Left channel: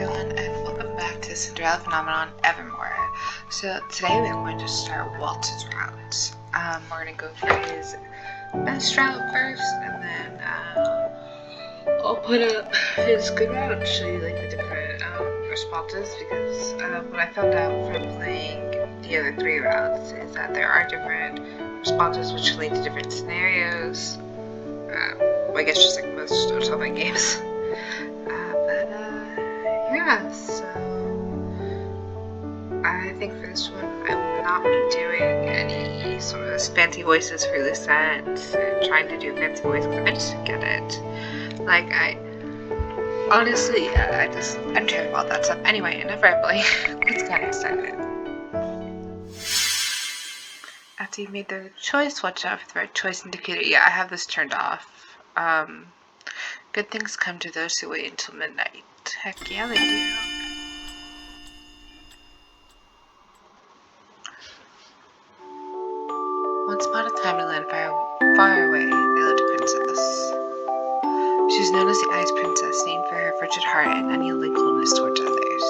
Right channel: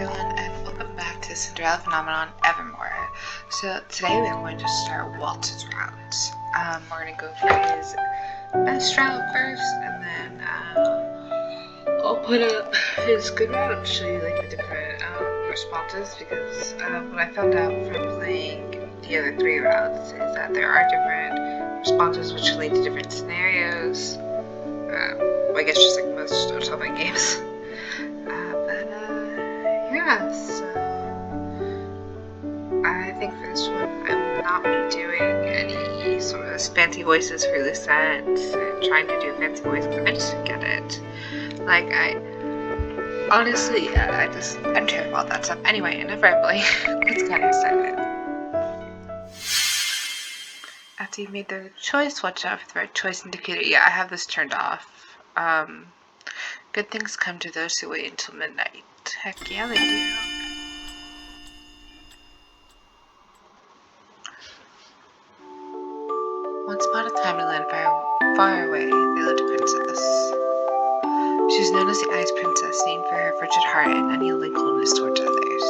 everyone, and welcome back to Cinderella Phenomenon Evermore. So today we're going to start Waltz's route. We're going to go for his best route first, and then I'll put up his good route and show you like the different responses, because what I found out from playing the other three routes is that there are different responses which lead to different scenarios. I guess just like most automatic games. Yeah, so I think for this one I will not be doing any sort of fancy voices for this set and trying to do a fancy voice because I just get it. Like, honestly, I'm terrible about that stuff. Anyway, enough rambling. Let's get started. After you've made the choice, watch out for the right choice indicator. Yeah, I have this turned off. Good things come to those who wait until midnight. Heck yeah, they do. Once upon a time in a land far away, there lived a princess. She was known as the Ice Princess, named for her frigid heart and unyielding coldness towards others.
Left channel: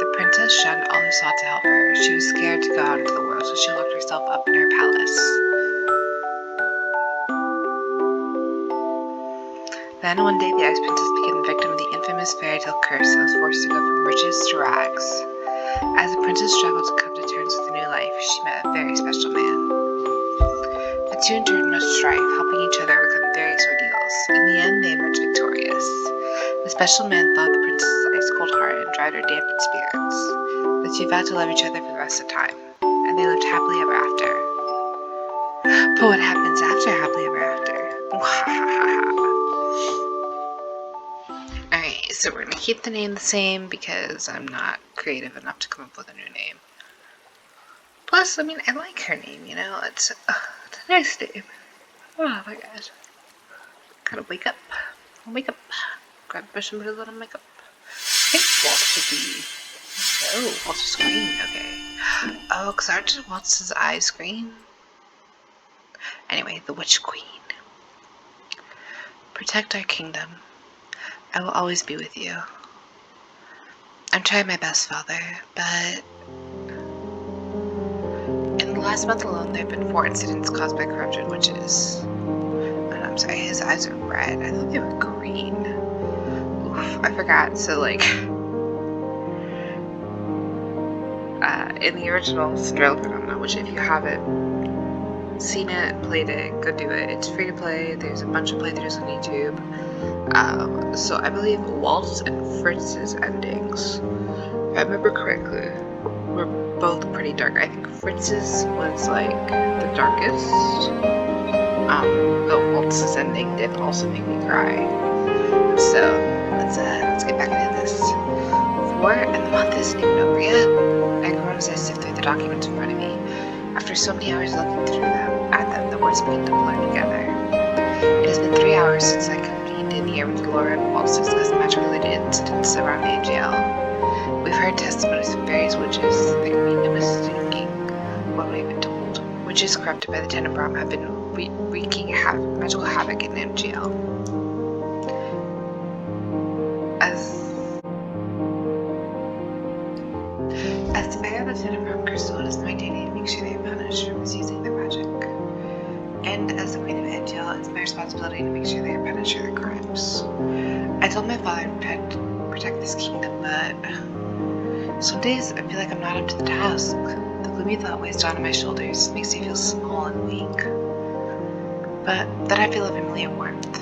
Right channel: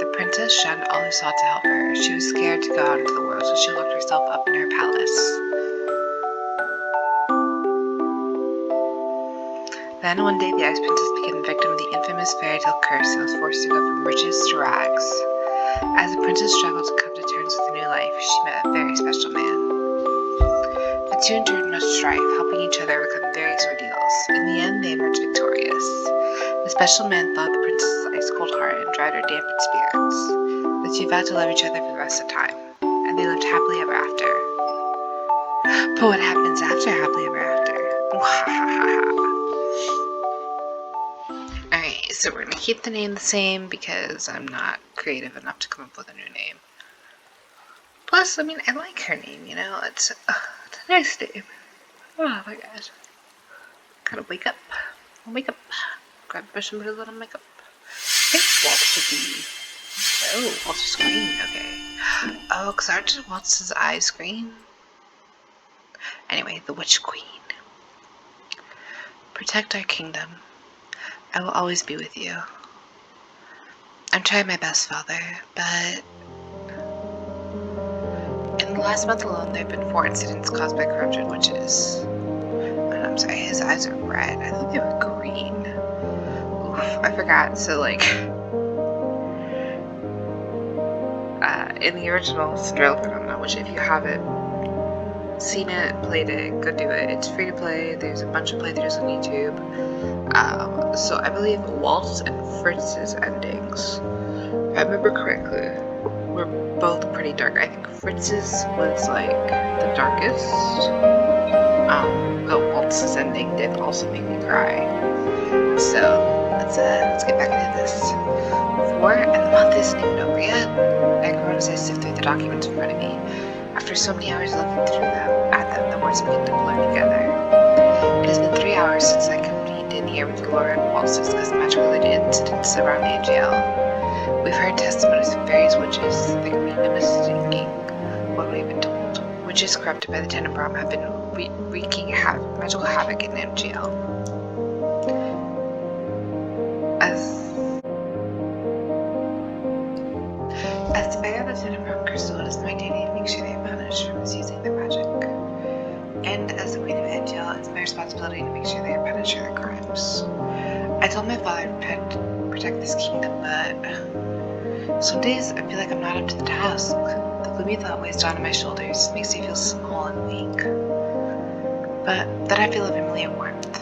The princess shunned all who sought to help her. She was scared to go out into the world, so she locked herself up in her palace. Then one day the Ice Princess became the victim of the infamous fairy tale curse and was forced to go from riches to rags. As the princess struggled to come to terms with a new life, she met a very special man. The two endured much strife, helping each other overcome various ordeals. In the end, they emerged victorious. The special man thawed the princess's ice-cold heart and dried her dampened spirits. The two vowed to love each other for the rest of time, and they lived happily ever after. But what happens after happily ever after? Alright, so we're going to keep the name the same because I'm not creative enough to come up with a new name. Plus, I mean, I like her name, you know? It's a nice name. Oh my god. Gotta wake up. Grab a brush and put a little makeup. I think Waltz should be... Oh, Waltz's green, okay. Oh, because aren't Waltz's eyes green? Anyway, the Witch Queen. Protect our kingdom. I will always be with you. I'm trying my best, Father, but... In the last month alone, there have been 4 incidents caused by corrupted witches. Oh, no, I'm sorry, his eyes are red. I thought they were green. Oof, I forgot. So, like... in the original Cinderella Phenomenon, which if you haven't seen it, played it, go do it. It's free to play. There's a bunch of playthroughs on YouTube. So I believe Waltz and Fritz's endings, if I remember correctly, were both pretty dark. I think Fritz's was like the darkest. But Waltz's ending did also make me cry. So let's get back into this. 4 and the month isn't even over yet. I groan as I sift through the documents in front of me. After so many hours looking through them, the words begin to blur together. It has been 3 hours since I convened in here with Laura and Waltz to discuss the magic-related incidents around AGL. We've heard testimonies from various witches. There can be no mistaking what we've been told. Witches corrupted by the Tenebrum have been wreaking magical havoc in MGL. As the bearer of the Tenebrum crystal, it is my duty to make sure they are punished for misusing their magic. And as the Queen of Angel, it's my responsibility to make sure they are punished for their crimes. I told my father to protect this kingdom, but some days I feel like I'm not up to the task. The gloomy thought weighs down on my shoulders, makes me feel small and weak. But then I feel a familiar warmth.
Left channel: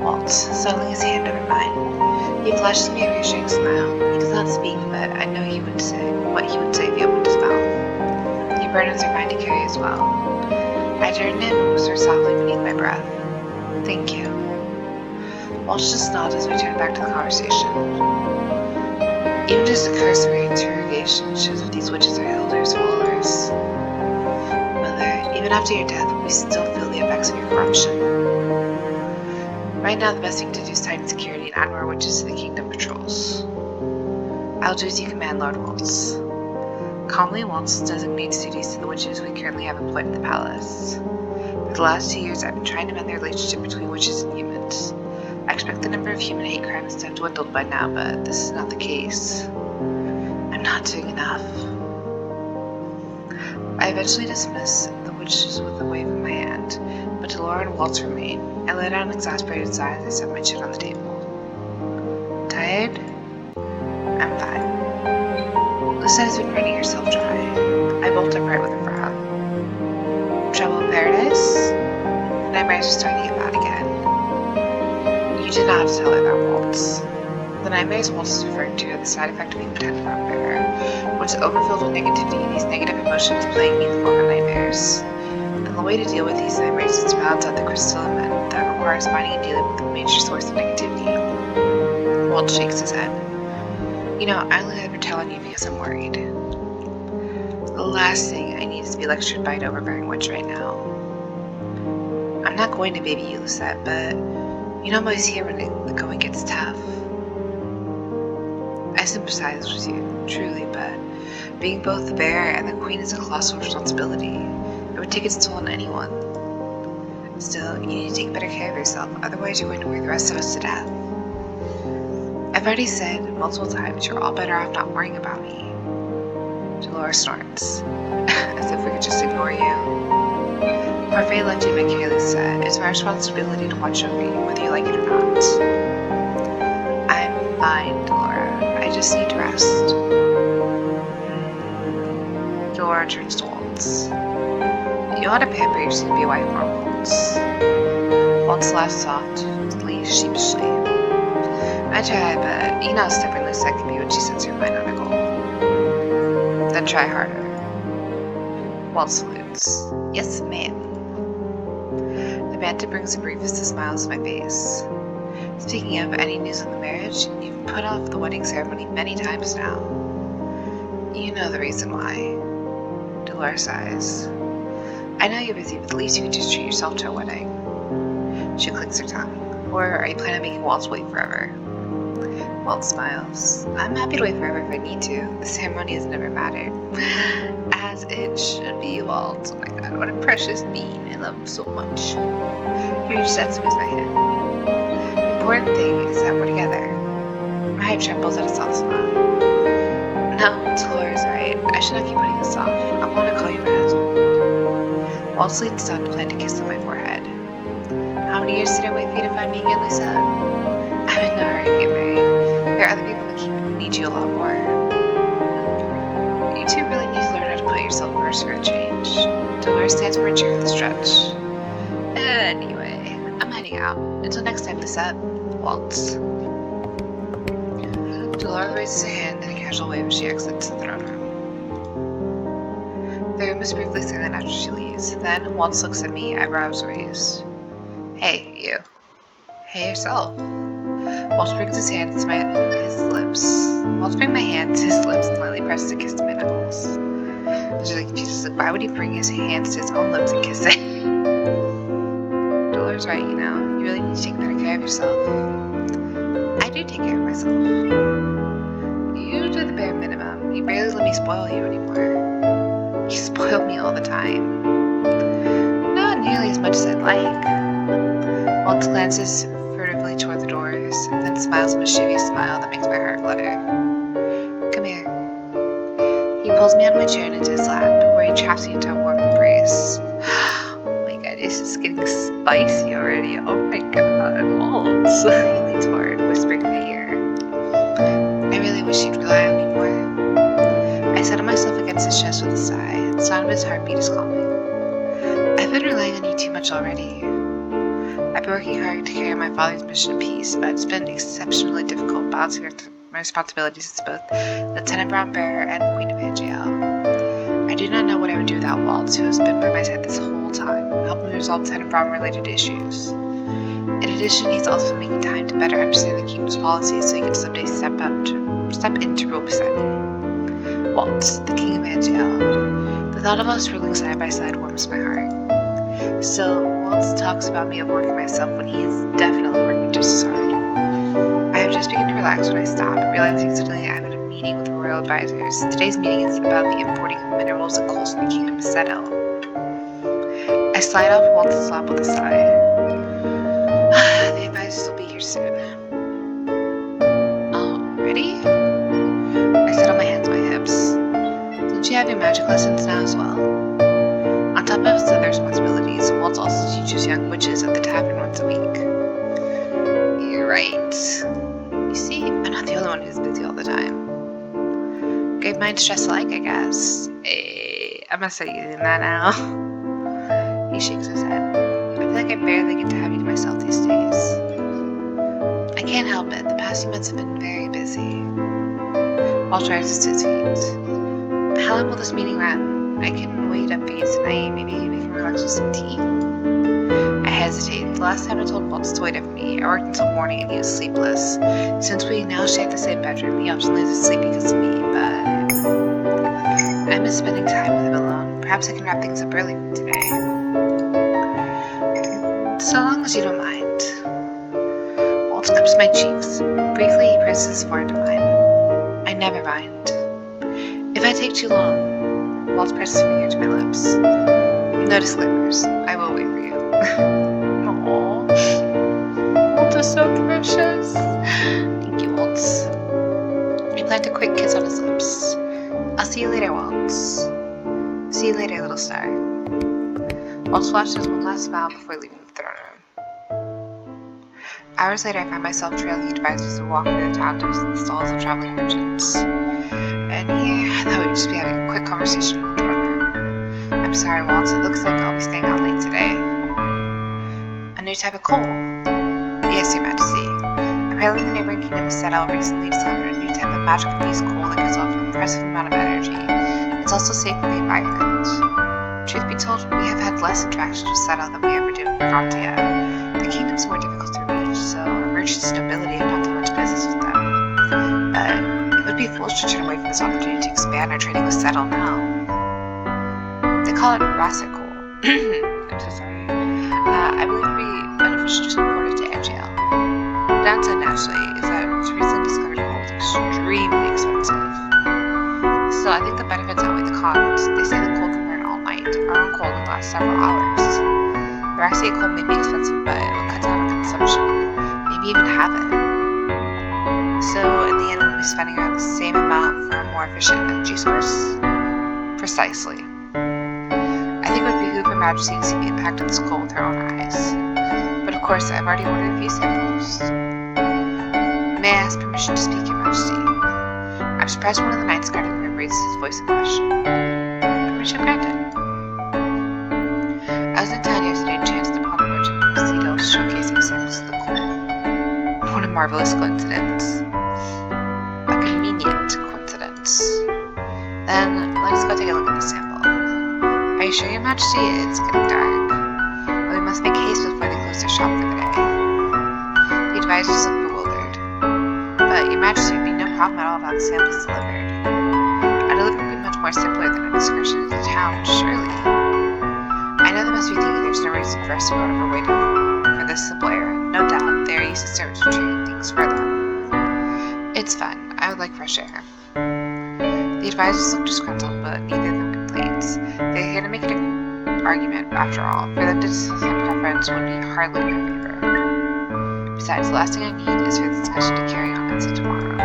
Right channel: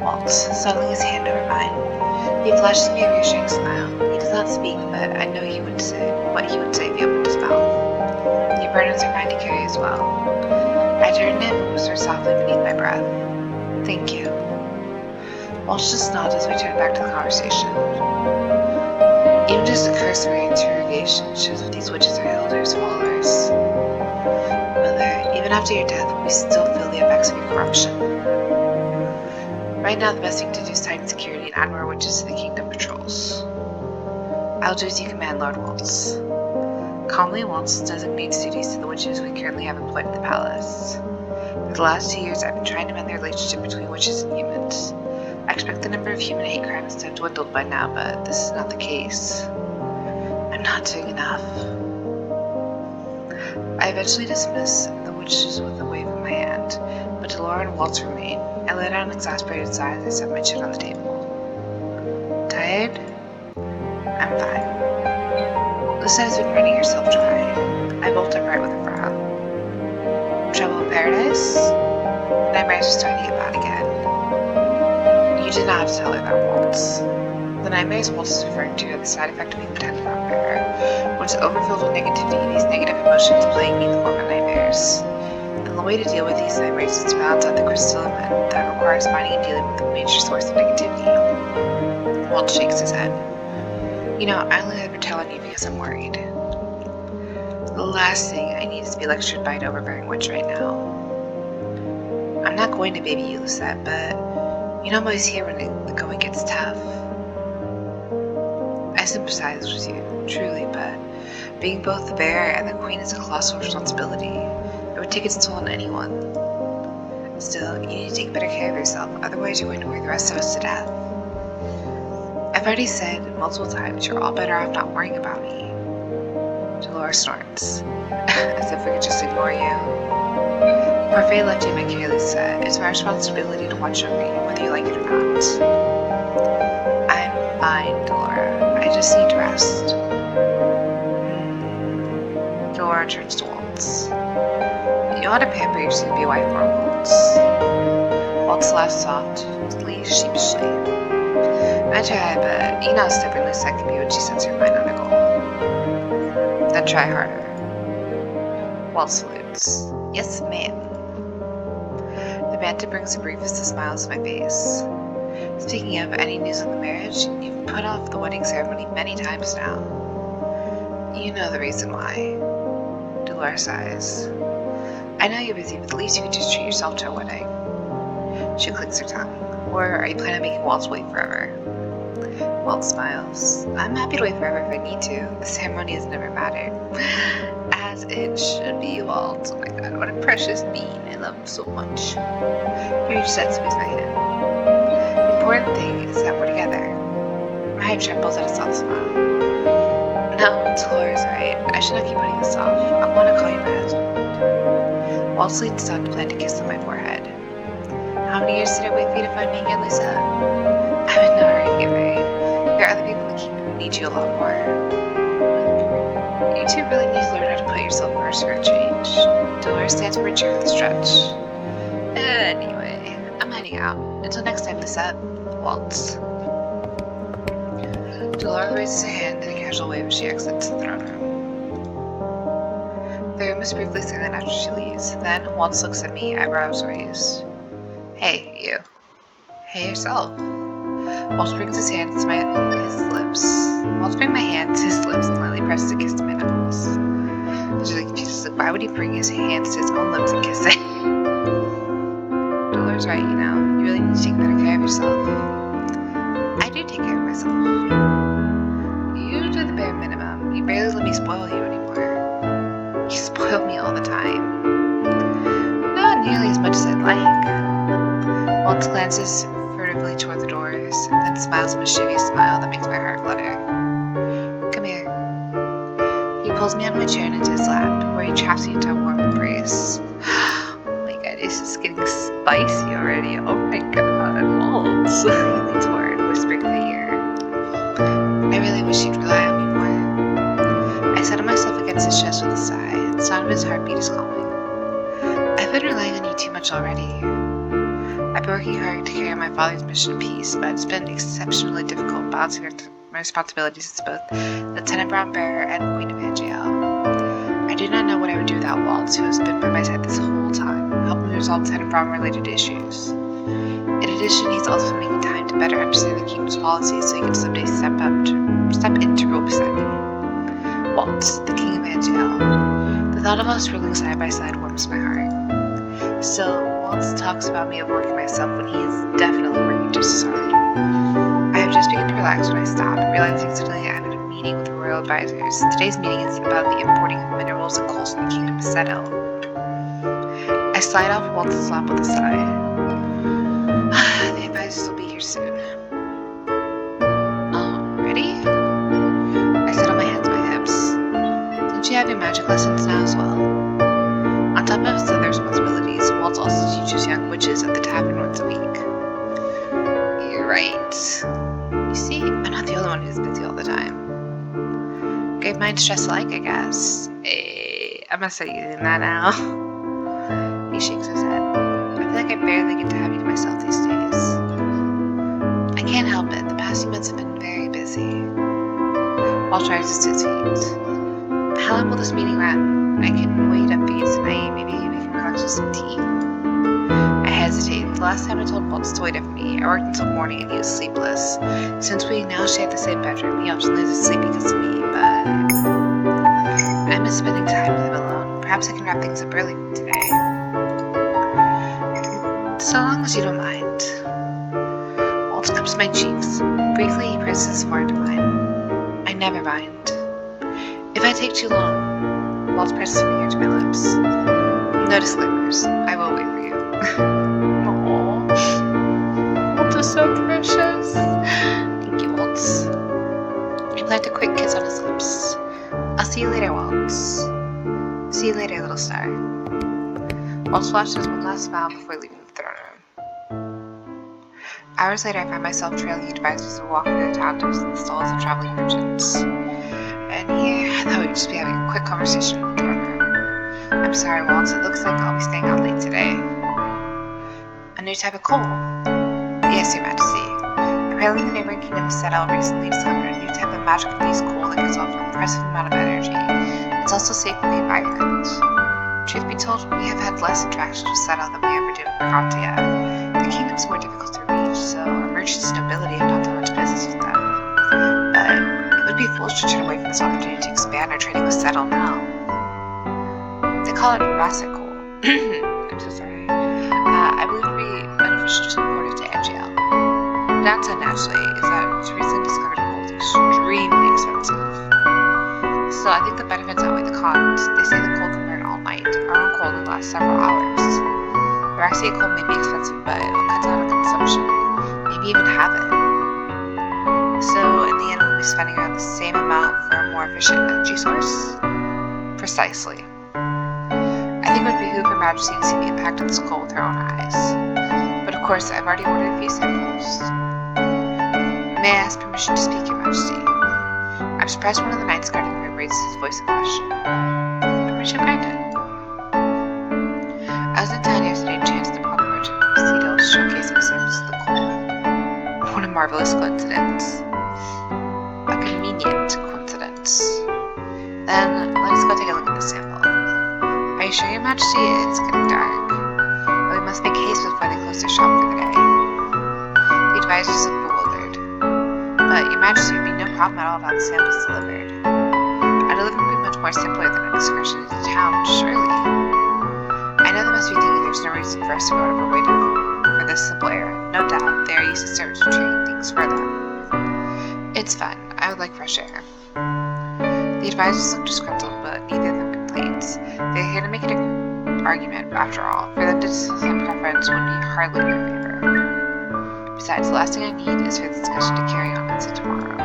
Waltz, settling his hand over mine. He flashes me a reassuring smile. He does not speak, but I know what he would say if he opened his mouth. Your burdens are mine to carry as well. I turn to him and whisper softly beneath my breath. Thank you. Waltz just nods as we turn back to the conversation. Even just a cursory interrogation shows that these witches are Hilda's followers. Mother, even after your death, we still feel the effects of your corruption. Right now, the best thing to do is tighten security and add more witches to the kingdom patrols. I'll do as you command, Lord Waltz. Calmly, Waltz designates duties to the witches we currently have employed at the palace. For the last 2 years, I've been trying to mend the relationship between witches and humans. I expect the number of human hate crimes to have dwindled by now, but this is not the case. I'm not doing enough. I eventually dismiss the witches with a wave of my hand, but Delora and Waltz remain. I lay down an exasperated sigh as I set my chin on the table. Tired? I'm fine. Lisa has been running herself dry. I bolt upright with a frown. Trouble in paradise? The nightmares are starting to get bad again. You did not have to tell her that, Waltz. The nightmares Waltz is referring to are the side effect of being the tenant bearer. When it's overfilled with negativity, these negative emotions plague me in the form of nightmares. And the way to deal with these nightmares is to balance out the crystal element that requires finding and dealing with the major source of negativity. Waltz shakes his head. You know, I only ever tell on you because I'm worried. The last thing I need is to be lectured by an overbearing witch right now. I'm not going to baby you, Lucette, but you know I'm always here when the going gets tough. I sympathize with you, truly, but being both the bear and the queen is a colossal responsibility. It would take its toll on anyone. Still, you need to take better care of yourself, otherwise you're going to worry the rest of us to death. I've already said multiple times you're all better off not worrying about me. Dolores snorts, as if we could just ignore you. Parfait left you my care, Lisa. It's my responsibility to watch over you, whether you like it or not. I'm fine, Delora. I just need to rest. Delora turns to Waltz. You ought to pamper your soon-to-be wife more, Waltz. Waltz laughs softly, sheepishly. I try, but you know how stubborn Lucette can be when she sets her mind on a goal. Then try harder. Waltz salutes. Yes, ma'am. The banter brings the briefest of smiles to my face. Speaking of any news on the marriage, you've put off the wedding ceremony many times now. You know the reason why. Dolores sighs. I know you're busy, but at least you could just treat yourself to a wedding. She clicks her tongue. Or are you planning on making Waltz wait forever? Waltz smiles. I'm happy to wait forever if I need to. The ceremony has never mattered. As it should be, Waltz. Oh my god, what a precious being. I love him so much. He reaches out to squeeze my hand. The important thing is that we're together. My head trembles at a soft smile. No, Dolores, right. I should not keep putting this off. I want to call you my husband. Waltz leans down to plant a kiss on my forehead. How many years did I wait for you to find me again, Lisa? I'm in no hurry to get married. There are other people in the kingdom who need you a lot more. You two really need to learn how to put yourself first for a change. Dolores stands for a cheer with a stretch. Anyway, I'm heading out. Until next time, Lisa. Waltz. Dolores raises her hand in a casual wave as she exits the throne room. The room is briefly silent after she leaves. Then, Waltz looks at me, eyebrows raised. Hey, you. Hey, yourself. Waltz brings his hand to his lips. Waltz brings my hand to his lips and lightly presses a kiss to my knuckles. I was really confused. Like, why would he bring his hands to his own lips and kiss it? Dolores right, you know. You really need to take better care of yourself. I do take care of myself. You do the bare minimum. You barely let me spoil you anymore. You spoil me all the time. Not nearly as much as I'd like. Waltz glances furtively toward the doors, then smiles a mischievous smile that makes my heart flutter. Come here. He pulls me out of my chair and into his lap, where he traps me into a warm embrace. Oh my god, this is getting spicy already. Oh my god, Waltz. He leans forward, whispering in my ear. I really wish you'd rely on me more. I settle myself against his chest with a sigh. The sound of his heartbeat is calming. I've been relying on you too much already. I've been working hard to carry my father's mission of peace, but it's been exceptionally difficult balancing my responsibilities as both the Tenant Brown Bearer and Queen of Angel. I do not know what I would do without Waltz, who has been by my side this whole time, helping me resolve Tenant Brown related issues. In addition, he's also been making time to better understand the kingdom's policies so he can someday step in to rule beside me. Waltz, the King of Angel. The thought of us ruling side by side warms my heart. Still, Waltz talks about me overworking myself when he is definitely working just as hard. I have just begun to relax when I stop, realizing suddenly I'm in a meeting with the royal advisors. Today's meeting is about the importing of minerals and coals in the kingdom of Seto. I slide off Waltz's lap with a sigh. The advisors will be here soon. Oh, ready? I settle my hands on my hips. Don't you have your magic lessons now as well? On top of his other responsibilities, Waltz also teaches young witches at the tavern once a week. You're right. You see, I'm not the only one who's busy all the time. Great minds stress alike, I guess. Hey, I must start using that now. He shakes his head. I feel like I barely get to have you to myself these days. I can't help it. The past few months have been very busy. Waltz rises to his feet. How long will this meeting run? I can wait up for you tonight. Maybe we can relax with some tea? I hesitate. The last time I told Waltz to wait up for me, I worked until morning and he was sleepless. Since we now share the same bedroom, he often loses sleep because of me, but I miss spending time with him alone. Perhaps I can wrap things up early today. So long as you don't mind. Waltz cups my cheeks. Briefly, he presses his forehead to mine. I never mind. If I take too long, Waltz presses his finger to my lips. No disclaimers. I will wait for you. Aww. Waltz is so precious. Thank you, Waltz. I plant a quick kiss on his lips. I'll see you later, Waltz. See you later, little star. Waltz flashes one last smile before leaving the throne room. Hours later, I find myself trailing advisors and walking through the town to visit the stalls of traveling merchants. And here, I thought we'd just be having a quick conversation in the throne room. I'm sorry, Waltz. It looks like I'll be staying out late today. A new type of coal? Yes, Your Majesty. Apparently, the neighboring kingdom of Settle recently discovered a new type of magic-infused coal that gives off an impressive amount of energy. It's also safe for the environment. Truth be told, we have had less interactions with Settle than we ever do with Frontier. The kingdom's more difficult to reach, so our merchants' nobility have not done much business with them. But it would be foolish to turn away from this opportunity to expand our trading with Settle now. They call it Rasset coal. I'm so sorry. I believe it would be beneficial to import it to NGL. The downside, naturally, is that its recently discovered coal is extremely expensive. Still, I think the benefits outweigh the cons. They say the coal can burn all night. Our own coal can last several hours. The Rasset coal may be expensive, but it will cut down on consumption. Maybe even have it. So, in the end, we'll be spending around the same amount for a more efficient energy source? Precisely. I think it would behoove Her Majesty to see the impact of this coal with her own eyes. But of course, I've already ordered a few samples. May I ask permission to speak, Your Majesty? I'm surprised one of the knights guarding the room raises his voice in question. Permission granted. I was in town yesterday and chanced upon a merchant from Cedar showcasing samples of the coal. What a marvelous coincidence. A convenient coincidence. Then, let us go take a look at the sample. Are you sure, Your Majesty? It's getting dark. But we must make haste before they close their shop for the day. The advisors look bewildered. But, Your Majesty, it would be no problem at all to have the samples delivered. Our delivery would be much more simpler than an excursion into town, surely. I know they must be thinking there's no reason for us to go out of our way for this simple errand. No doubt, they are used to service for treating things for them. It's fun. I would like fresh air. The advisors look disgruntled, but neither of them complains. They're here to make an argument, after all. For them to discuss their preference would be hardly in their favor. Besides, the last thing I need is for the discussion to carry on until tomorrow.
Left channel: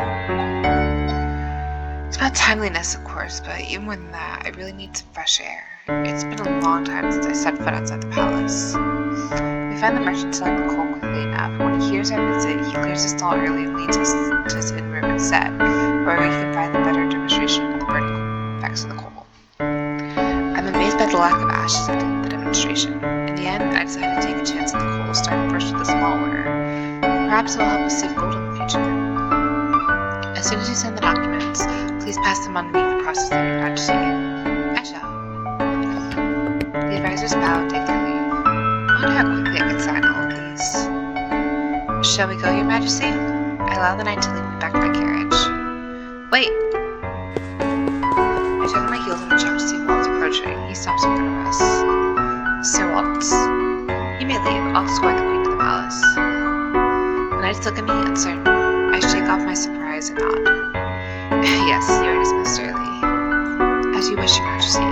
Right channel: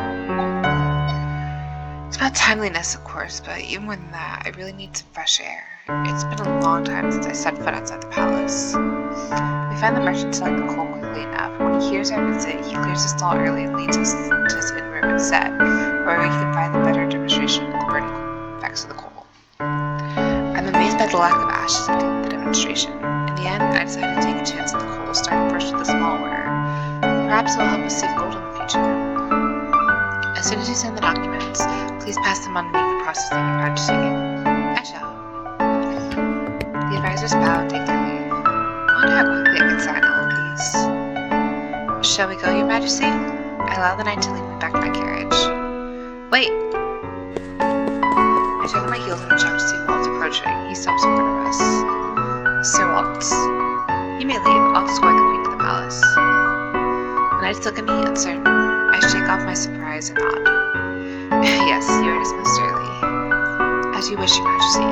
It's about timeliness, of course, but even more than that, I really need some fresh air. It's been a long time since I set foot outside the palace. We find the merchant selling the coal quickly enough. When he hears our visit, he clears the stall early and leads us to his inn room instead, where we can find the better demonstration of the burning effects of the coal. I'm amazed by the lack of ashes at the demonstration. In the end, I decided to take a chance at the coal, starting first with a small order. Perhaps it will help us save gold in the future. As soon as you send the documents, please pass them on to me for processing, Your Majesty. I shall. The advisors bow and take their leave. I wonder how quickly I can sign all of these. Shall we go, Your Majesty? I allow the knight to lead me back to my carriage. Wait! I turn on my heels and jump to see Waltz approaching. He stops in front of us. Sir Waltz. You may leave. I'll escort the queen to the palace. The knights look at me uncertain. I shake off my surprise and nod. Yes, you are dismissed early. As you wish, Your Majesty.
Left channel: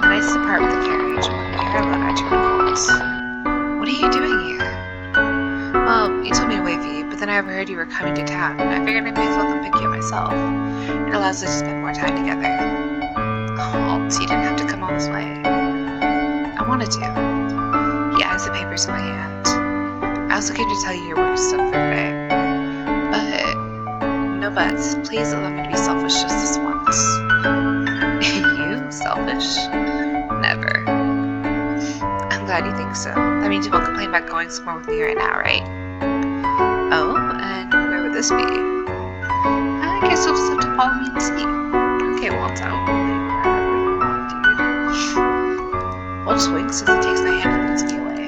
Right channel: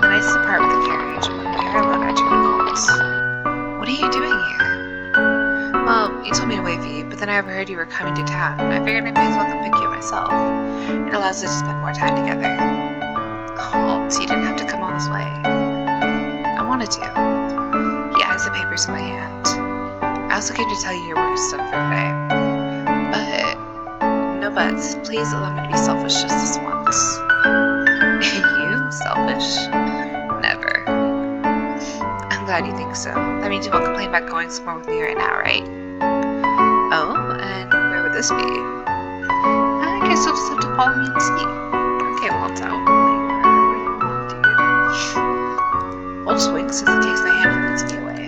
The knights depart with the carriage. When we are alone, I turn to Waltz. What are you doing here? Well, you told me to wait for you, but then I overheard you were coming to town. I figured I may as well come pick you up myself. It allows us to spend more time together. Waltz, you didn't have to come all this way. I wanted to. He eyes the papers in my hand. I also came to tell you your work is done for today. But, no buts. Please allow me to be selfish just this once. You? Selfish? Never. I'm glad you think so. That means you won't complain about going somewhere with me right now, right? Oh, and where would this be? I guess you'll just have to follow me and see. Okay, Waltz, I will leave wherever you want, dude. Waltz winks as he takes my hand and leads me away.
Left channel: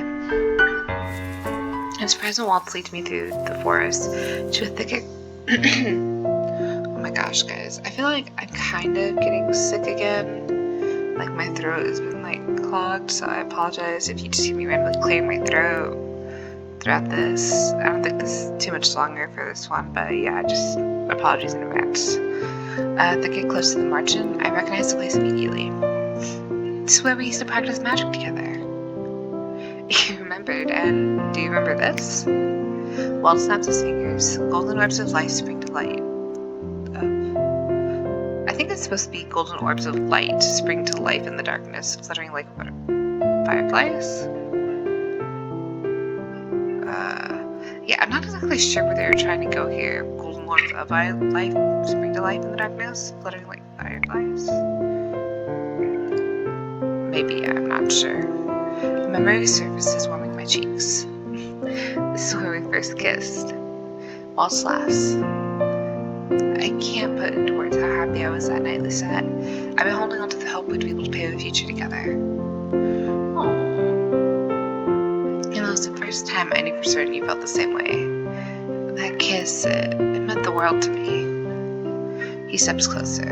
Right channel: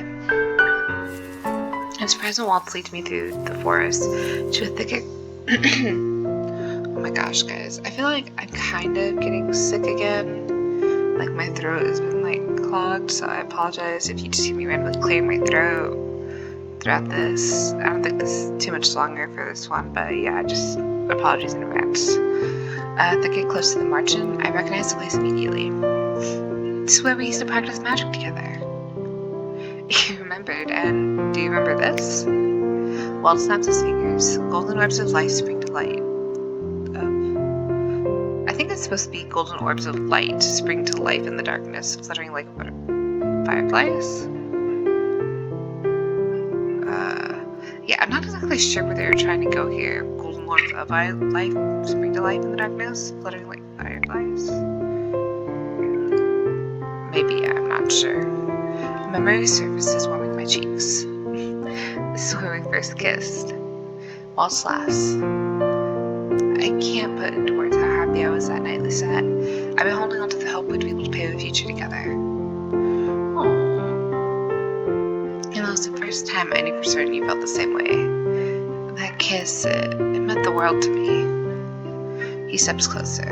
I'm surprised when Waltz leads me through the forest to a thicket. Oh my gosh, guys. I feel like I'm kind of getting sick again. Like my throat has been like clogged, so I apologize if you just hear me randomly clearing my throat throughout this. I don't think this is too much longer for this one, but yeah, just apologies in advance. They get close to the margin. I recognize the place immediately. This is where we used to practice magic together. You remembered, and do you remember this? Waltz snaps his fingers. Golden orbs of light spring to light. I think it's supposed to be golden orbs of light spring to life in the darkness, fluttering like fireflies? Yeah, I'm not exactly sure where they were trying to go here. Golden orbs of life spring to life in the darkness, fluttering like fireflies? Maybe, I'm not sure. A memory surfaces, warming my cheeks. This is where we first kissed. Waltz laughs. I can't put into words how happy I was that night, Lucette. I've been holding on to the hope we'd be able to pave a future together. Aww. And that was the first time I knew for certain you felt the same way. That kiss, it meant the world to me. He steps closer.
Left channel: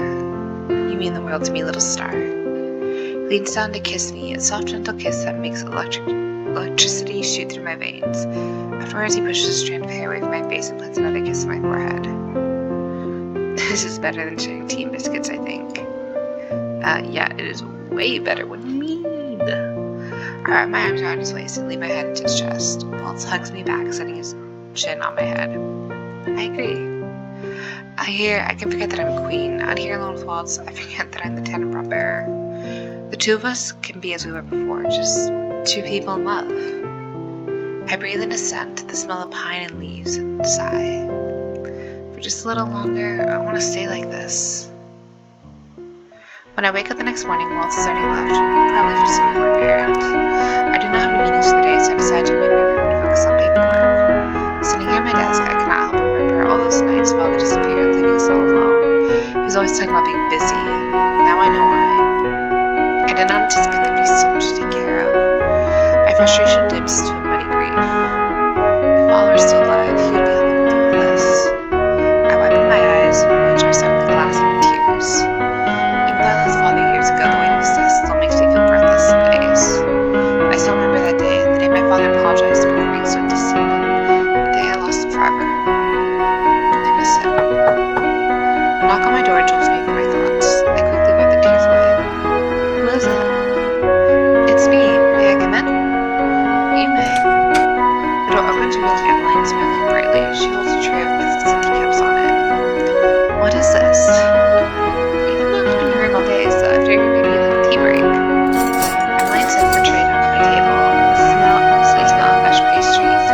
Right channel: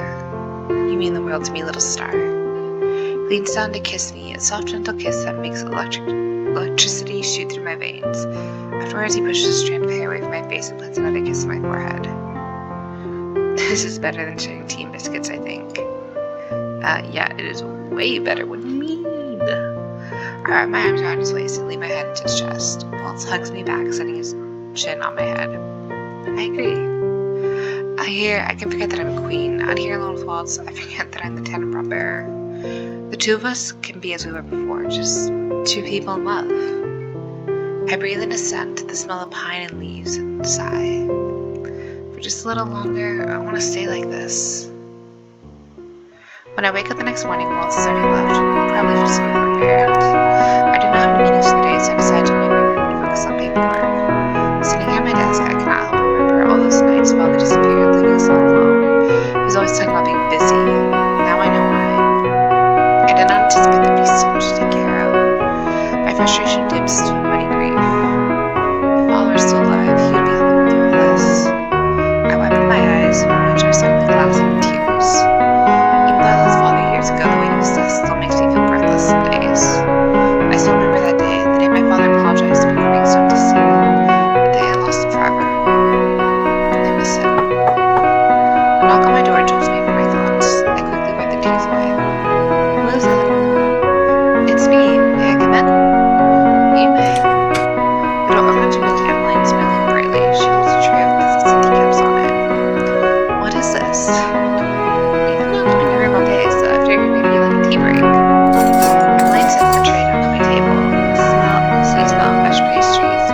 You mean the world to me, little star. He leans down to kiss me, a soft, gentle kiss that makes electricity shoot through my veins. Afterwards, he pushes a strand of hair away from my face and puts another kiss on my forehead. This is better than sharing tea and biscuits, I think. Yeah, it is way better. What do you mean? I wrap my arms around his waist and lean my head into his chest. Waltz hugs me back, setting his chin on my head. I agree. I can forget that I'm a queen. Out here alone with Waltz, I forget that I'm the Tenenbaum bearer. The two of us can be as we were before, just two people in love. I breathe in a scent, the smell of pine and leaves, and sigh. For just a little longer, I want to stay like this. When I wake up the next morning, Waltz has already left, probably for some more errand. I do not have any meetings for the day, so I decide to remain in my room and focus on paperwork. Sitting here at my desk, I cannot help but remember all those nights Father disappeared, leaving us all alone. He was always talking about being busy. Now I know why. I did not anticipate there'd be so much to take care of. My frustration dips to a muddy grief. If Father were still alive, he would be helping me do all this. I wipe up my eyes, which are suddenly glassy with tears. Even though I lost Father years ago, the weight of his death still makes me feel breathless some days. I still remember that day, the day my father apologized for being so distant, the day I lost him forever. I miss him. A knock on my door jolts me from my thoughts. I quickly wipe the tears away. Who is it? It's me. May I come in? You may. The door opens to reveal Emmeline smiling brightly. She holds a tray of biscuits and teacups on it. What is this? You've been locked up in your room all day, so I figured maybe you'd like a tea break. Emmeline sets the tray down on my table. The sweet smell of fresh pastries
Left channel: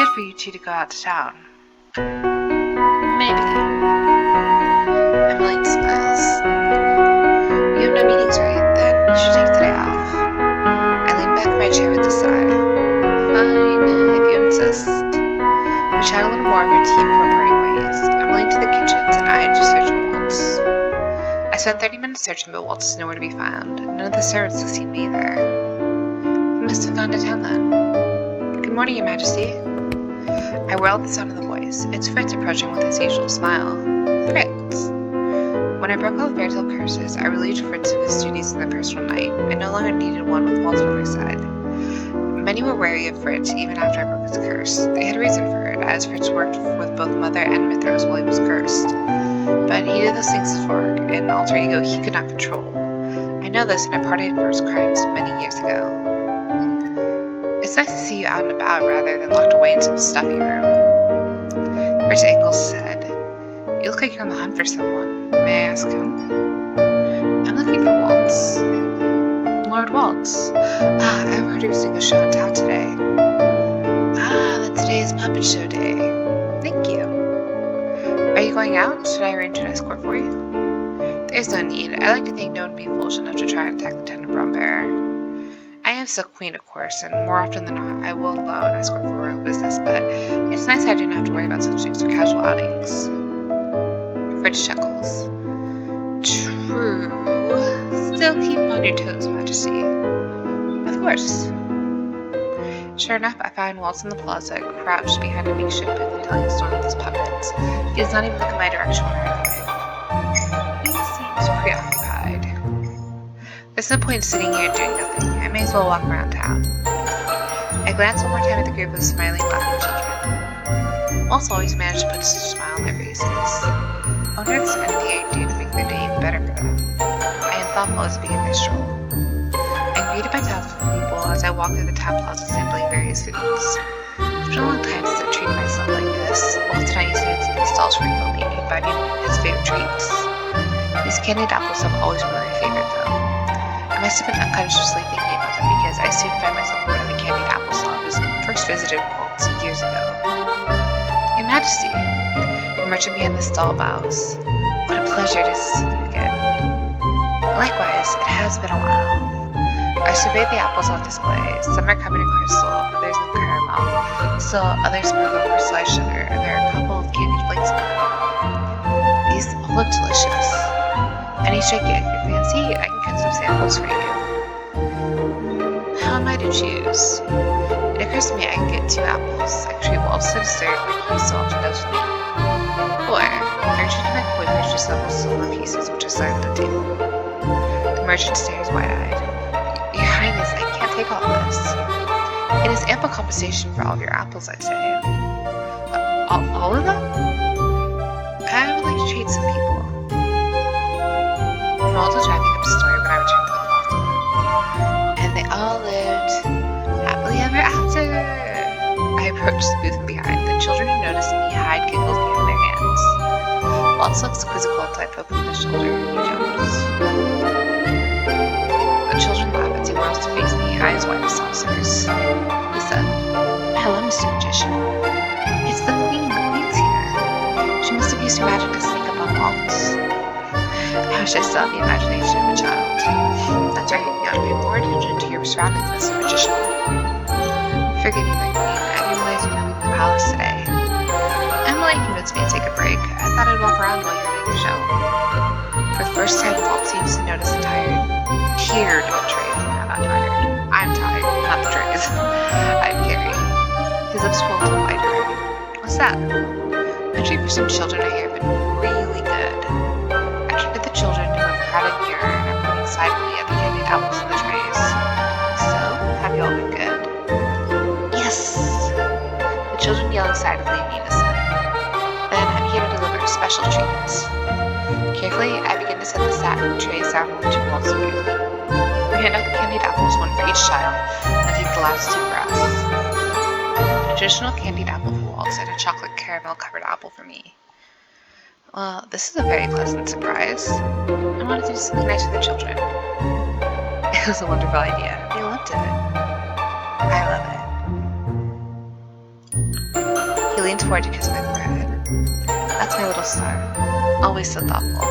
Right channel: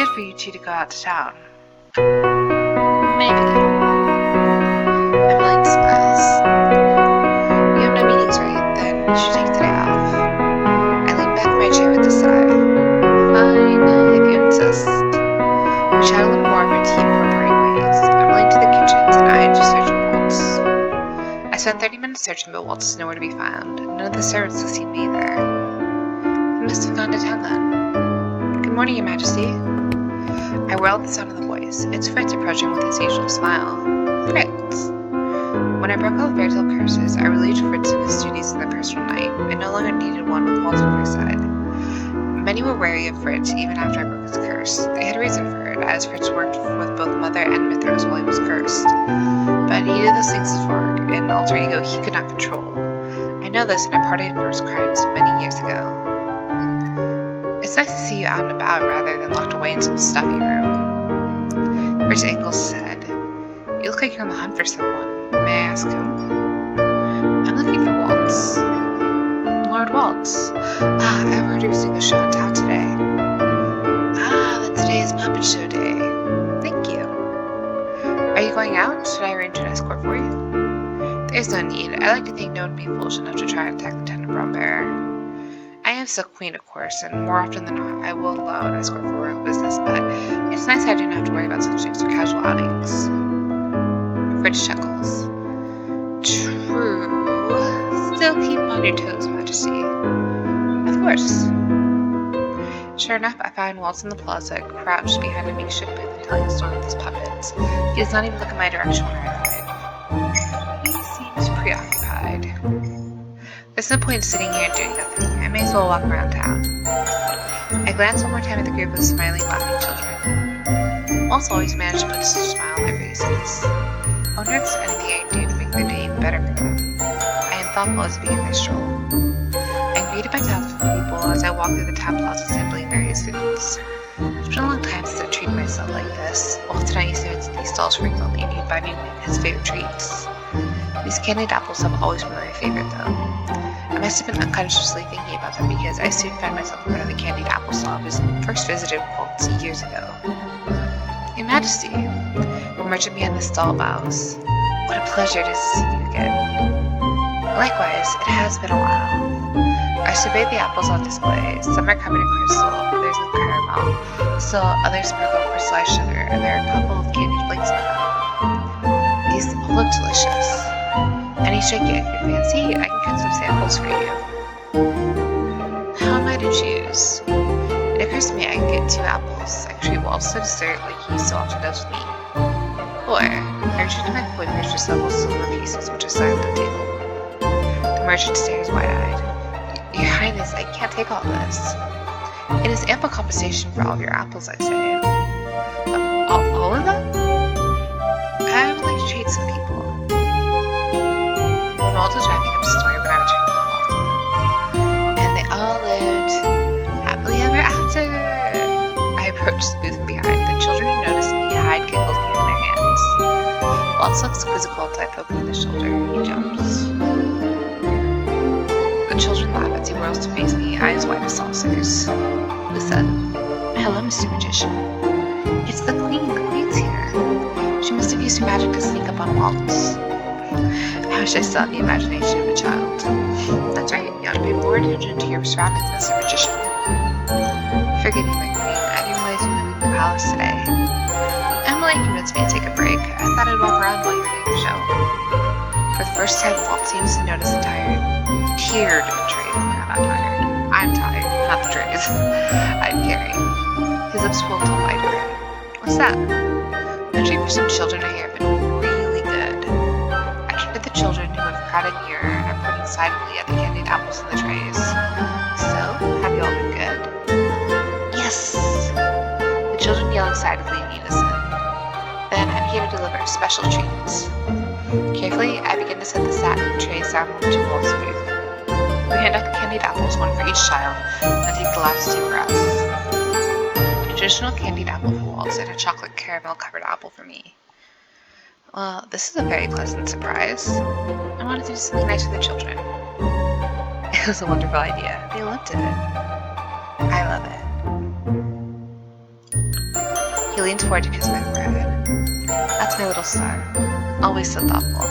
good for you two to go out to town. Maybe. Emily smiles. You have no meetings, right? Then you should take today off. I lean back in my chair with a sigh. Fine, if you insist. We chat a little more of our tea before parting ways. Emily to the kitchens and I to search for Waltz. I spent 30 minutes searching, but Waltz is nowhere to be found. None of the servants have seen me either. He must have gone to town then. Good morning, Your Majesty. I whirl at the sound of the voice. It's Fritz approaching with his usual smile. Fritz. When I broke all the fairy tale curses, I relieved Fritz of his duties in the personal night. I no longer needed one with Waltz by my side. Many were wary of Fritz even after I broke his curse. They had reason for it, as Fritz worked with both Mother and Mithras while he was cursed. But he did those things for an alter ego he could not control. I know this, and I parted for his crimes many years ago. It's nice to see you out and about rather than locked away in some stuffy room. Fritz Engels said, You look like you're on the hunt for someone. May I ask whom? I'm looking for Waltz. Lord Waltz. I've heard he was doing a show in town today. Then today is puppet show day. Thank you. Are you going out? Should I arrange an escort for you? There's no need. I like to think no one would be foolish enough to try and attack the Tenenbaum bearer. I am still queen, of course, and more often than not, I will allow an escort for royal business, but it's nice I don't have to worry about such things for casual outings. Fritz chuckles. True. Still keep on your toes, Majesty. Of course. Sure enough, I find Waltz in the plaza, crouched behind a makeshift booth and telling a story with his puppets. He does not even look in my direction when I arrive. He seems preoccupied. There's no point in sitting here doing nothing. I may as well walk around town. I glance one more time at the group of smiling, laughing children. Waltz always managed to put a smile on their faces. I wonder if there's anything I can do to make their day even better for them. I am thoughtful as I begin my stroll. I'm greeted by townspeople people as I walk through the town plaza sampling various foods. It's been a long time since I've treated myself like this. Waltz and I used to visit these stalls frequently, and he'd buy me his favorite treats. These candied apples have always been my favorite, though. I must have been unconsciously thinking about them because I soon find myself in front of the candied apple stall I was first visited Waltz years ago. Your Majesty, the merchant behind the stall bows. What a pleasure to see you again. Likewise, it has been a while. I surveyed the apples on display. Some are covered in crystal, others in caramel, still others sprinkle crystallized sugar, and there are a couple of candied flakes in them. These all look delicious. Any shake it if you fancy, I can cut some samples for you. How am I to choose? It occurs to me I can get 2 apples. I can treat Waltz to dessert like he so often does with me. Or, I reach into my coin purse for several silver pieces which are side on the table. The merchant stares wide-eyed. Your Highness, I can't take all this. It is ample compensation for all of your apples, I'd say. All of them? I would like to treat some people. Waltz was wrapping up a story when I returned to the plaza. And they all lived happily ever after. I approached the booth from behind. The children who noticed me hide giggles behind their hands. Waltz looks quizzical until I poke him in the shoulder. He jumps. The children laugh as he whirls to face me, eyes wide as saucers. Listen. Hello, Mr. Magician. It's the Queen. The Queen's here. She must have used her magic to sneak up on Waltz. I wish I still had the imagination of a child. That's right, you ought to pay more attention to your surroundings, Mr. Magician. Forgive me, my queen. I didn't realize you were leaving the palace today. Emily convinced me to take a break. I thought I'd walk around while you were doing your show. For the first time, Waltz seems to notice a tiered tray. I'm not tired. I'm tired, not the trays. I'm carrying. His lips pull into a wide grin. What's that? The treat for some children I hear have been really good. I turn to the children who have crowded near and are pointing silently at the candied apples in the trays. So, have you all been good? Yes! The children yell excitedly in unison. Then I'm here to deliver special treats. Carefully, I begin to set the satin trays down onto Waltz's booth. We hand out the candied apples, one for each child, and take the last 2 for us. A traditional candied apple for Waltz and a chocolate caramel covered apple for me. Well, this is a very pleasant surprise. I wanted to do something nice for the children. It was a wonderful idea. They loved it. I love it. He leans forward to kiss my forehead. That's my little star. Always so thoughtful.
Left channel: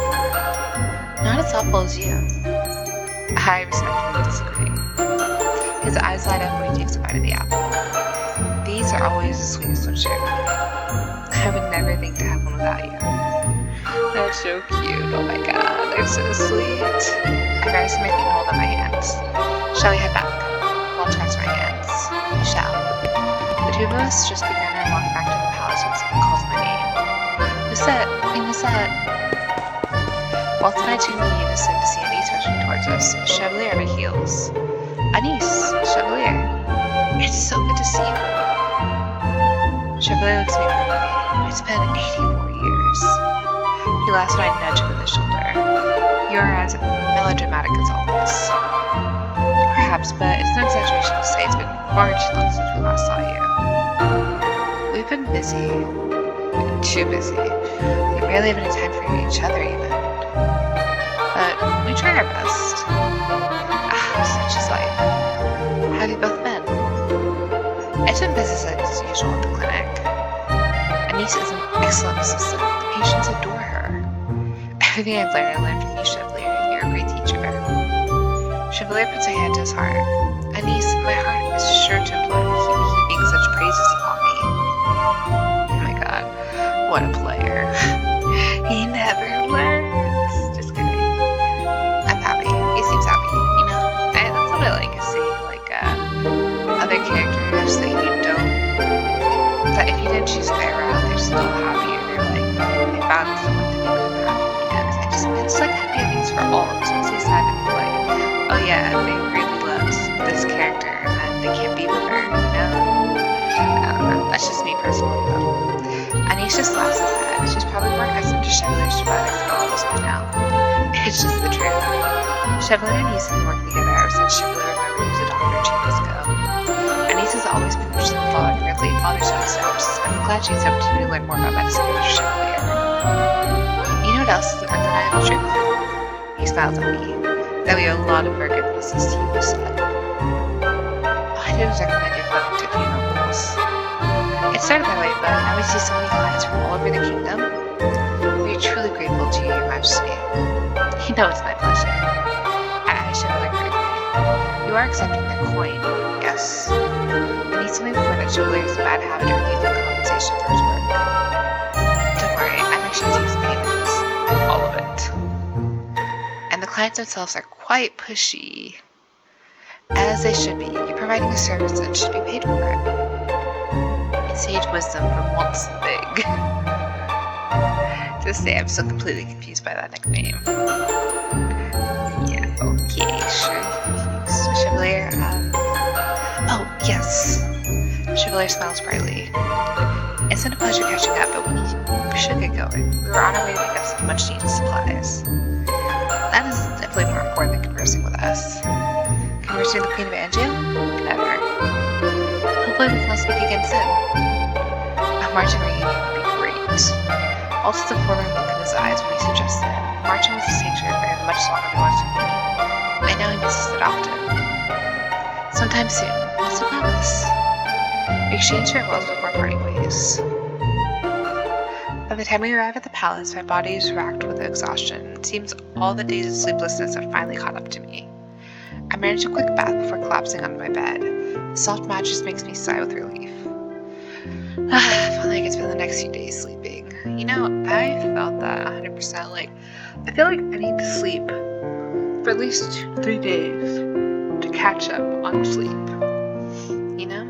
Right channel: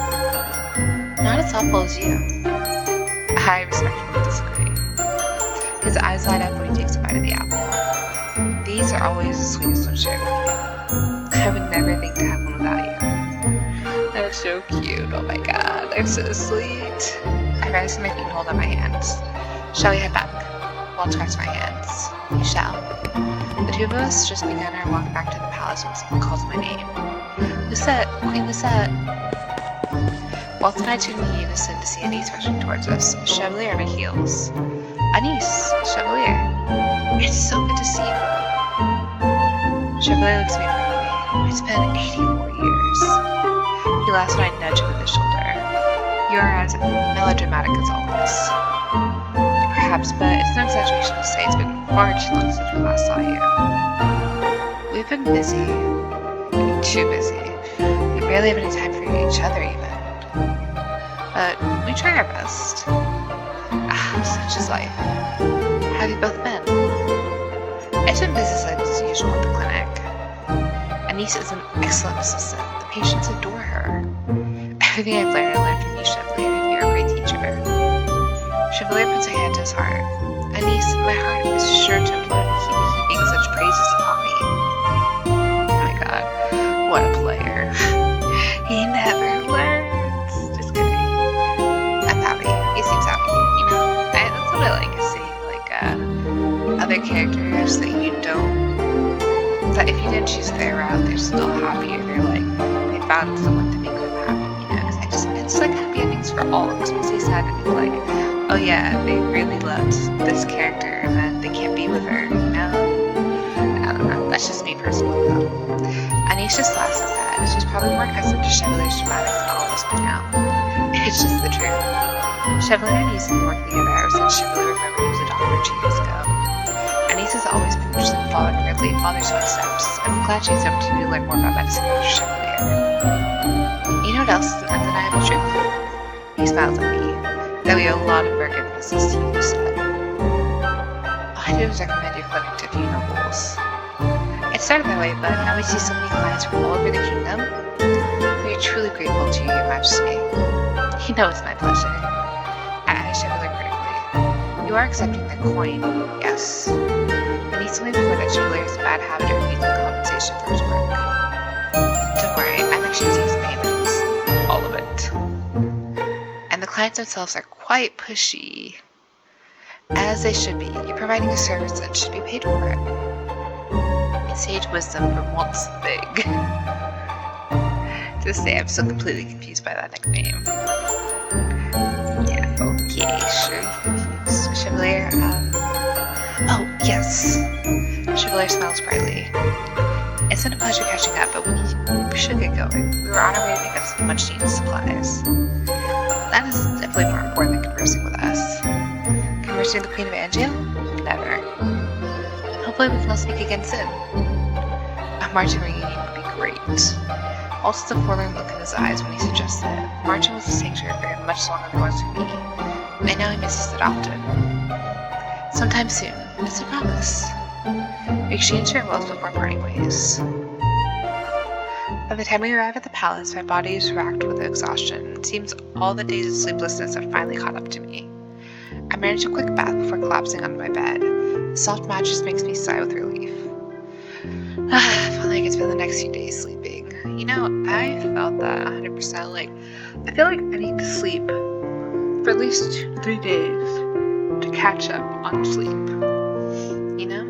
Not as thoughtful as you. I respectfully disagree. His eyes light up when he takes a bite of the apple. These are always the sweetest when shared with you. I would never think to have one without you. They're so cute. Oh my god, they're so sweet. I rise to my feet and hold out my hands. Shall we head back? Waltz grabs my hands. We shall. The two of us just began our walk back to the palace when someone calls my name. Lucette! Queen Lucette! Waltz and I tune in unison to see Anise rushing towards us, Chevalier on her heels. Anise! Chevalier! It's so good to see you! Chevalier looks at me firmly. It's been 84 years. He laughs when I nudge him in the shoulder. You are as melodramatic as always. Perhaps, but it's no exaggeration to say it's been far too long since we last saw you. We've been busy. Too busy. We barely have any time for each other even. But we try our best. Such is life. How have you both been? It's been business as usual at the clinic. Anise is an excellent assistant. The patients adore her. Everything I've learned, I learned from you, Chevalier. You're a great teacher. Chevalier puts a hand to his heart. Anise, my heart is sure to implode if you keep heaping such praises upon me. Oh my god, what a player. He never learns. Just kidding. I'm happy. He seems happy, you know? That's what I like to see, like, other characters that you don't, that if you didn't choose their route, they're still happy, or they're like, they found someone to make them happy, you know? Because it's like happy endings for all. It makes me sad to be like, oh yeah, they really loved this character and then they can't be with her, you know? I don't know. That's just me personally, though. Anise just laughs at that. She's probably more accustomed to Chevalier's dramatics than all of us by now. It's just the truth. Chevalier and Anise have been working together ever since Chevalier remembered he was a doctor 2 years ago. Anise has always been interested in following in her late father's footsteps. I'm glad she has the opportunity to learn more about medicine under Chevalier. You know what else is an undeniable truth? He smiles at me. That we owe a lot of our good business to you, Lucette. All I did was recommend your clinic to a few nobles. It started that way, but now we see so many clients from all over the kingdom. We are truly grateful to you, Your Majesty. You know it's my pleasure. I Chevalier critically. You are accepting their coin, yes. Anise told me before that Chevalier has a bad habit of refusing compensation for his work. Don't worry, I'm actually to use payments. All of it. And the clients themselves are quite pushy. As they should be. You're providing a service and should be paid for it. Sage wisdom from Waltz the Big. To this day, I'm still completely confused by that nickname. Yeah, okay, sure, you're confused. Chevalier, oh, yes. Chevalier smiles brightly. It's been a pleasure catching up, but we should get going. We were on our way to pick up some much needed supplies. That is definitely more important than conversing with us. Conversing with the Queen of Angiel? Never. Hopefully we can all speak again soon. A marching reunion would be great. Waltz has a forlorn look in his eyes when he suggested it. Marching was a sanctuary for him much longer than it was for me. And now he misses it often. Sometime soon. It's a promise. We exchanged farewells before parting ways. By the time we arrive at the palace, my body is racked with exhaustion. It seems all the days of sleeplessness have finally caught up to me. I manage a quick bath before collapsing onto my bed. The soft mattress makes me sigh with relief. If only I could spend the next few days sleeping. You know, I felt that 100%. Like, I feel like I need to sleep for at least 2 to 3 days to catch up on sleep. You know?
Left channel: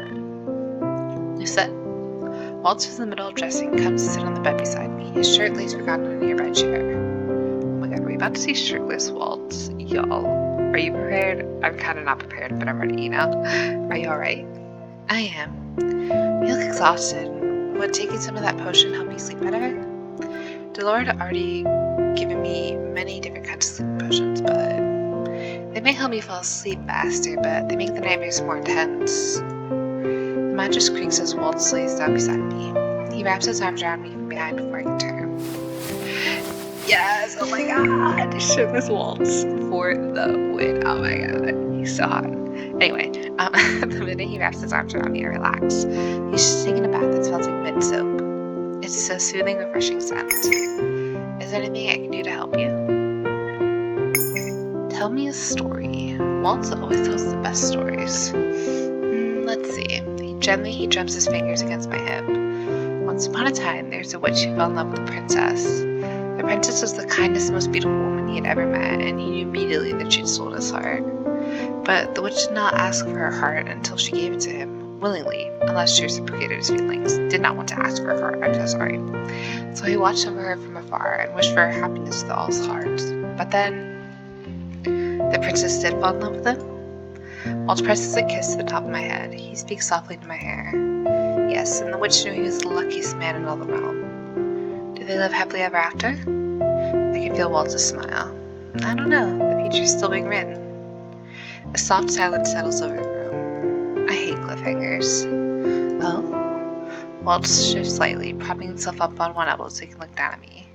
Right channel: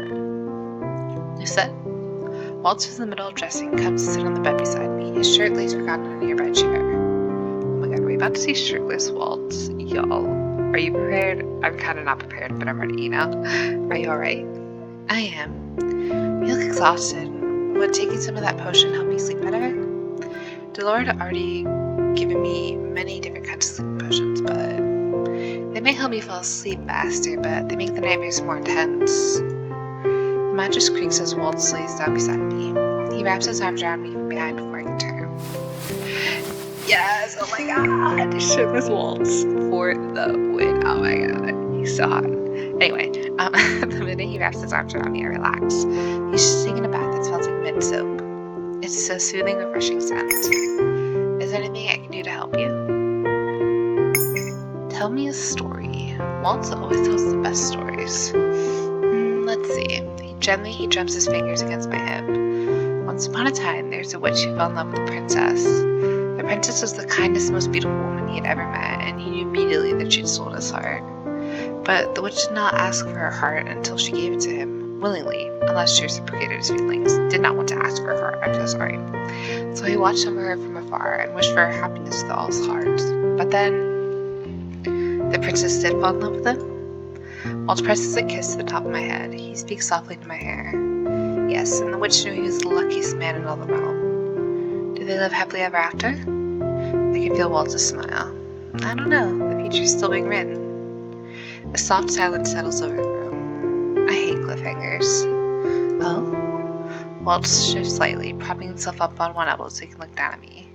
Lucette? Waltz was in the middle of dressing, comes to sit on the bed beside me. His shirt lays forgotten on a nearby chair. Oh my god, are we about to see shirtless Waltz? Y'all, are you prepared? I'm kind of not prepared, but I'm ready, you know? Are you alright? I am. You look exhausted. Would taking some of that potion help you sleep better? Delord had already given me many different kinds of sleep potions, but they may help me fall asleep faster, but they make the nightmares more intense. The mattress creaks as Waltz lays down beside me. He wraps his arms around me from behind before I can turn. Yes! Oh my god! Shirtless Waltz for the win. Oh my god. He's so hot. Anyway, the minute he wraps his arms around me, I relax. He's just taking a bath that smells like mint soap. It's a soothing, refreshing scent. Is there anything I can do to help you? Tell me a story. Waltz always tells the best stories. Let's see. He drums his fingers against my hip. Once upon a time, there's a witch who fell in love with a princess. The princess was the kindest, most beautiful woman he had ever met, and he knew immediately that she'd sold his heart. But the witch did not ask for her heart until she gave it to him, willingly, unless she reciprocated his feelings. Did not want to ask for her heart, I'm so sorry. So he watched over her from afar and wished for her happiness with all his heart. But then, the princess did fall in love with him. Waltz presses a kiss to the top of my head. He speaks softly to my hair. Yes, and the witch knew he was the luckiest man in all the realm. Did they live happily ever after? I can feel Waltz's smile. I don't know. The future's still being written. A soft silence settles over the room. I hate cliffhangers. Oh? Waltz shifts slightly, propping himself up on one elbow so he can look down at me.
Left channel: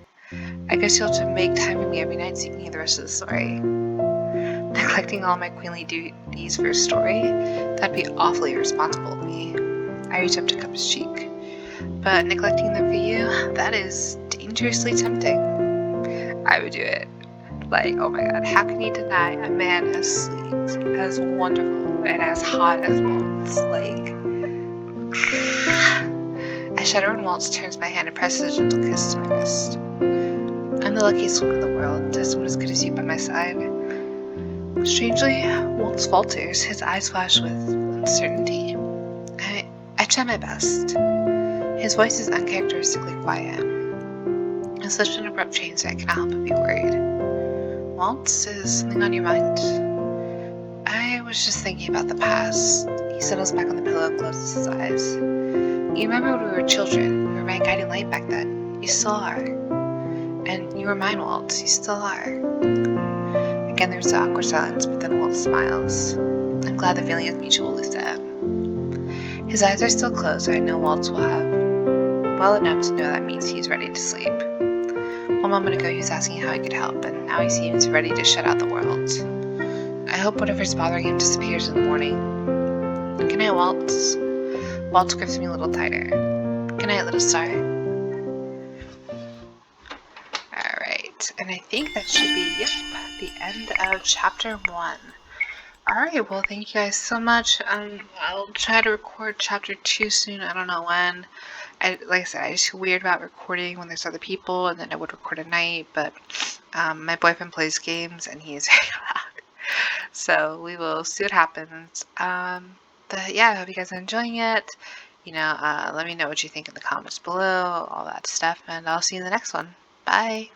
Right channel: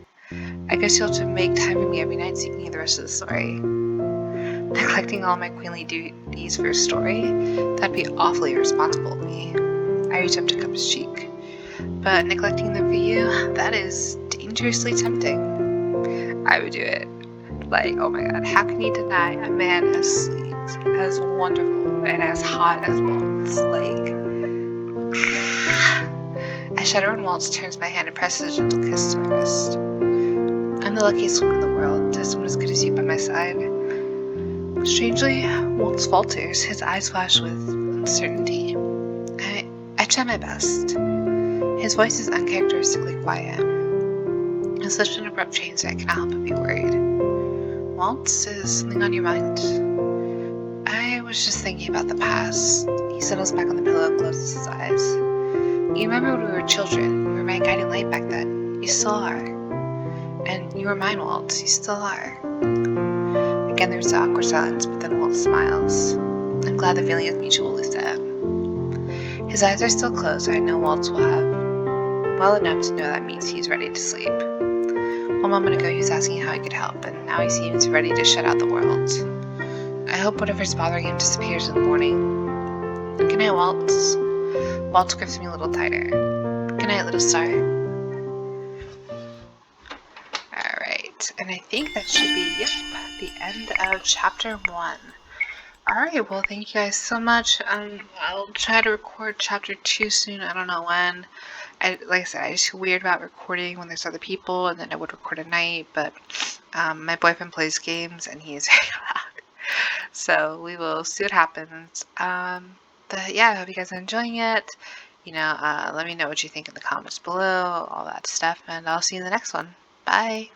I guess you'll have to make time for me every night so you can hear the rest of the story. Neglecting all my queenly duties for a story? That'd be awfully irresponsible of me. I reach up to cup his cheek. But neglecting them for you, that is dangerously tempting. I would do it. Like, oh my god, how can you deny a man as sweet, as wonderful, and as hot as Waltz? Like, I shudder when Waltz turns my hand and presses a gentle kiss to my wrist. I'm the luckiest woman in the world to have someone as good as you by my side. Strangely, Waltz falters. His eyes flash with uncertainty. I try my best. His voice is uncharacteristically quiet. It's such an abrupt change that I cannot help but be worried. Waltz, is something on your mind? I was just thinking about the past. He settles back on the pillow and closes his eyes. You remember when we were children? You were my guiding light back then. You still are. And you were mine, Waltz. You still are. Again, there's an awkward silence, but then Waltz smiles. I'm glad the feeling is mutual, he said. His eyes are still closed, and I know Waltz will have well enough to know that means he's ready to sleep. One moment ago he was asking how he could help, and now he seems ready to shut out the world. I hope whatever's bothering him disappears in the morning. Good night, Waltz. Waltz grips me a little tighter. Good night, little star. Alright, and I think that should be, the end of chapter 1. Alright, well, thank you guys so much. I'll try to record chapter 2 soon. I don't know when. Like I said, I just feel weird about recording when there's other people, and then I would record at night, but my boyfriend plays games, and he is very loud. So we will see what happens. But yeah, I hope you guys are enjoying it. Let me know what you think in the comments below, all that stuff, and I'll see you in the next one. Bye!